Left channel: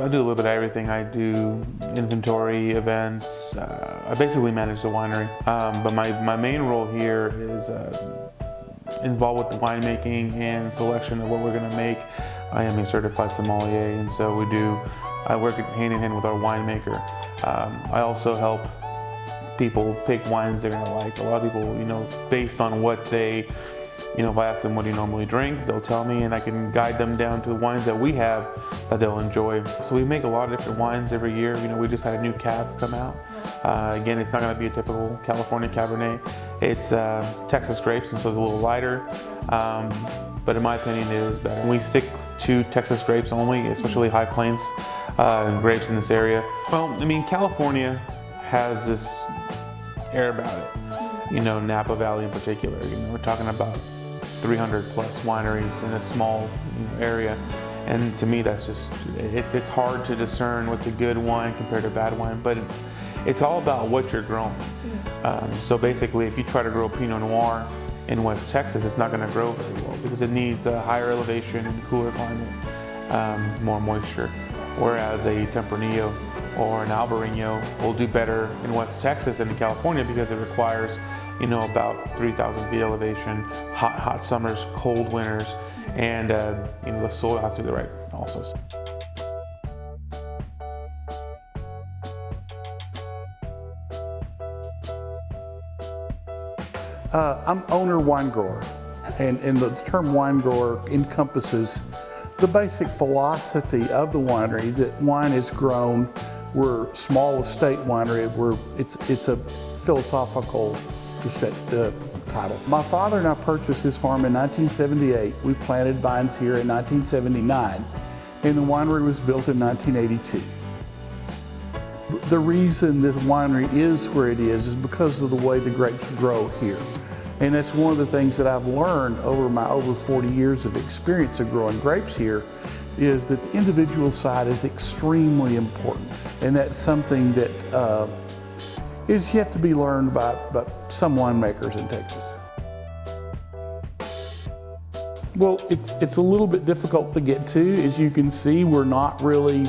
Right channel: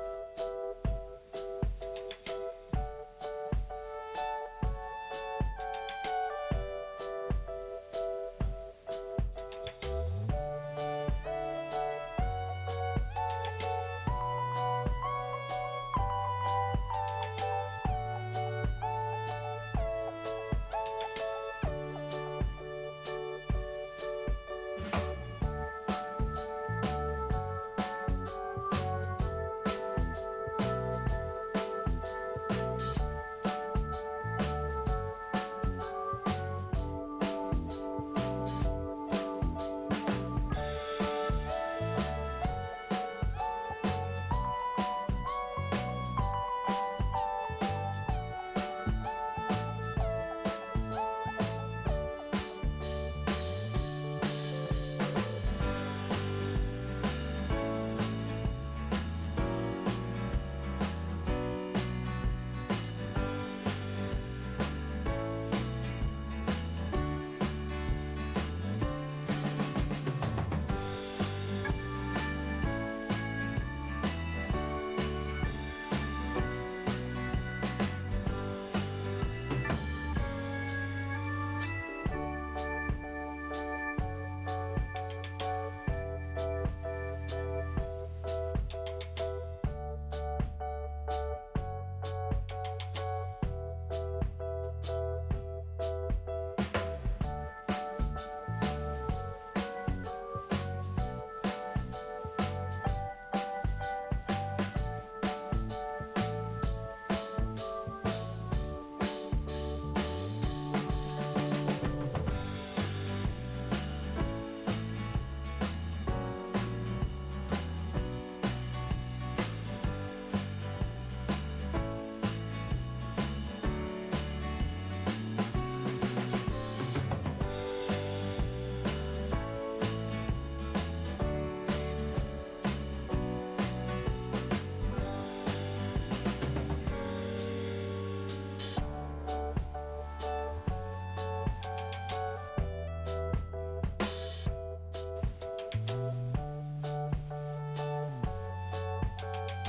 I do a little bit of everything. I do inventory, events. I basically manage the winery. But my main role here is involved with the winemaking and selection of what we're going to make. I am a certified sommelier, and so I work hand in hand with our winemaker. I also help people pick wines they're going to like. A lot of people, based on what they, if I ask them what do you normally drink, they'll tell me, and I can guide them down to wines that we have that they'll enjoy. So we make a lot of different wines every year. We just had a new cab come out. Again, it's not going to be a typical California Cabernet. It's Texas grapes, and so it's a little lighter. But in my opinion, it is better. We stick to Texas grapes only, especially High Plains grapes in this area. Well, California has this air about it. Napa Valley in particular. We're talking about 300 plus wineries in a small area, and to me that's just it's hard to discern what's a good wine compared to bad wine, but it's all about what you're growing. So basically, if you try to grow Pinot Noir in West Texas, it's not going to grow very well because it needs a higher elevation and cooler climate, more moisture, whereas a Tempranillo or an Albarino will do better in West Texas than in California because it requires about 3,000 feet elevation, hot summers, cold winters, and the soil has to be the right also. I'm owner wine grower, and the term wine grower encompasses the basic philosophy of the winery that wine is grown. We're small estate winery. It's a philosophical title. My father and I purchased this farm in 1978. We planted vines here in 1979, and the winery was built in 1982. The reason this winery is where it is because of the way the grapes grow here. And that's one of the things that I've learned over my over 40 years of experience of growing grapes here, is that the individual side is extremely important. And that's something that is yet to be learned by some winemakers in Texas. Well, it's a little bit difficult to get to. As you can see, we're not really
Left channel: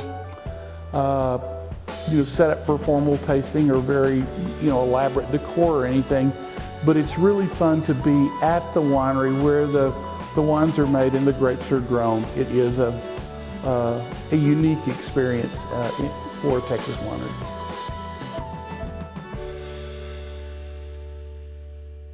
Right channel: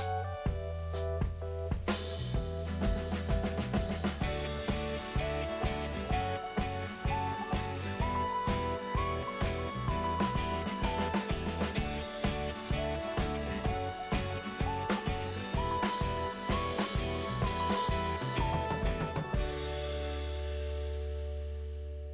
set up for formal tasting or very elaborate decor or anything, but it's really fun to be at the winery where the wines are made and the grapes are grown. It is a unique experience for a Texas winery.